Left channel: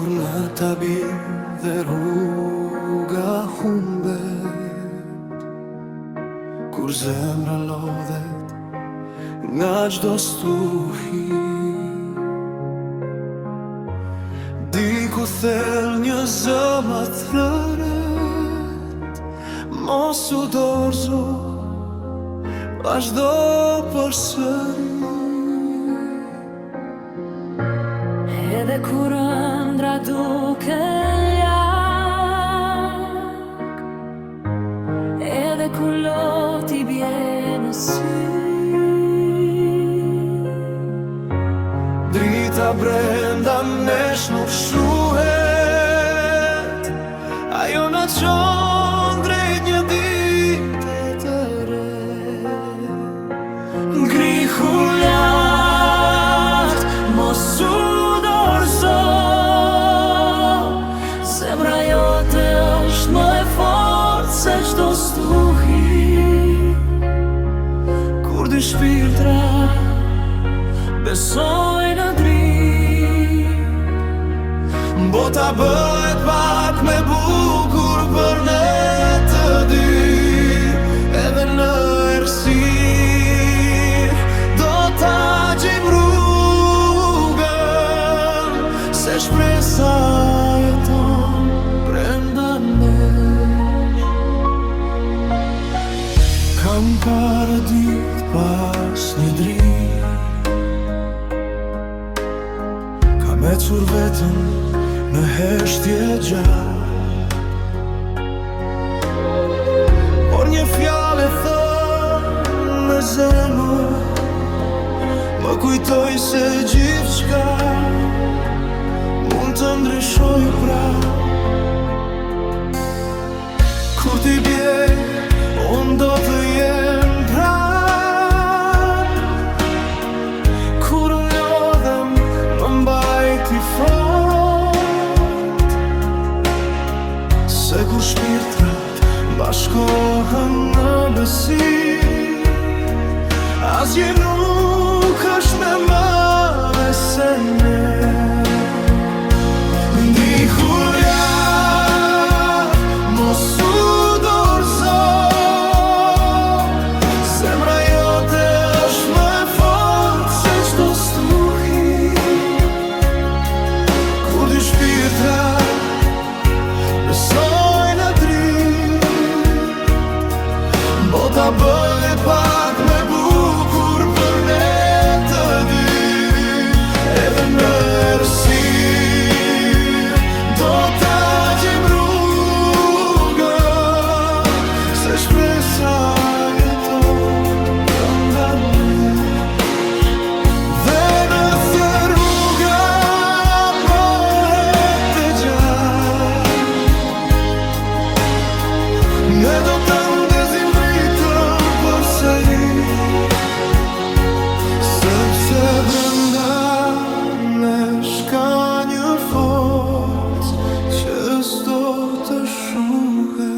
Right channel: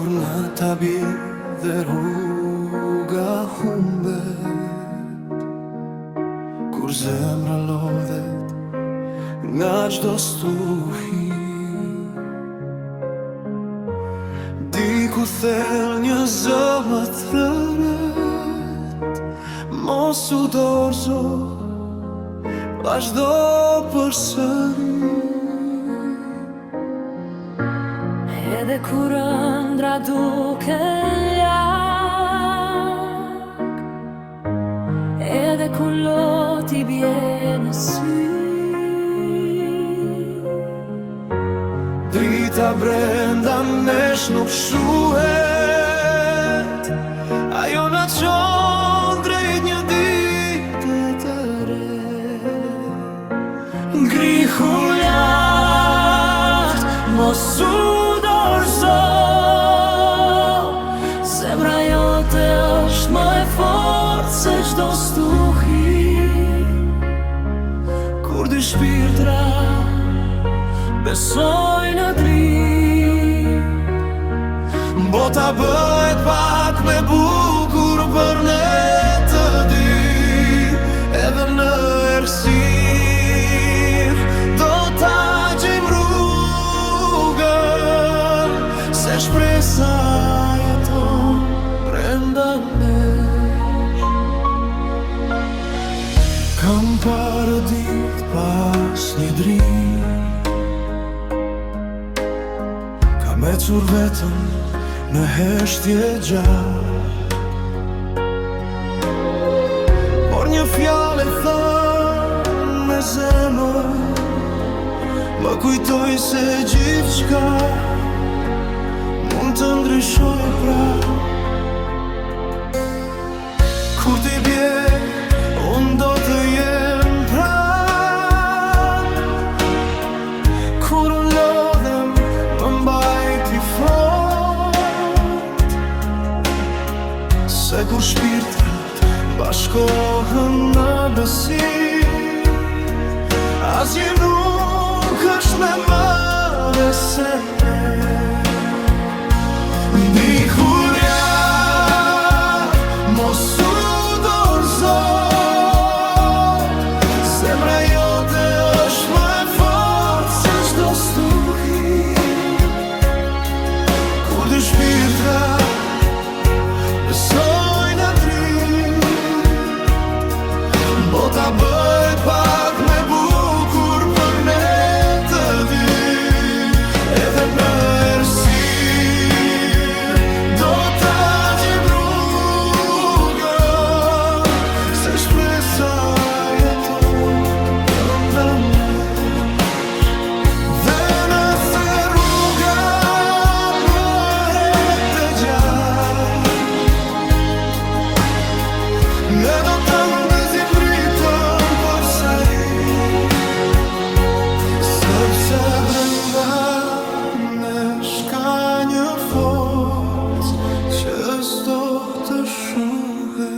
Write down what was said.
Kur në ta bie dhe rruga humbet, kur zemra lodhet nga çdo stuhi, diku thell një zë më thërret, mos u dorëzo, vazhdo përsëri. Edhe kur ëndra duke lak, edhe kur loti bie në sy, drita brenda nesh nuk shuhet, ajo na çon drejt një dite të re. Ngrihu lart, mos u dorëzo, zemra jote është më e fortë se çdo stuhi. Kur dy shpirtra besojnë në dritë, bota bëhet pak me bukur për ne të dy. Edhe në errësirë do ta gjejmë rrugën, se shpresa jeton brenda nesh. Kam parë ditë pas një dritë, kam ecur vetëm në heshtje gjatë, por një fjalë e thënë me zemër më kujtoi se gjithçka mund të ndryshoj prapë. Kur ti bie, unë do të jem pranë, kur unë lodhem më mbajti fort, se kur shpirtrat bashkohen në besim, asgjë nuk është më madhe se ne. Ndihu lart, mos u dorëzo, zemra jote është më e fortë se çdo stuhi. Kur dy shpirtra besojnë në dritë, bota bëhet pak me bukur për ne të dy. Edhe në errësirë do ta gjejmë rrugën, se shpresa jeton brenda nesh. Dhe nëse rruga bëhet e gjatë, ne do ta ndezim dritën përsëri, sepse brenda nesh ka një forcë që s'do të shuhet.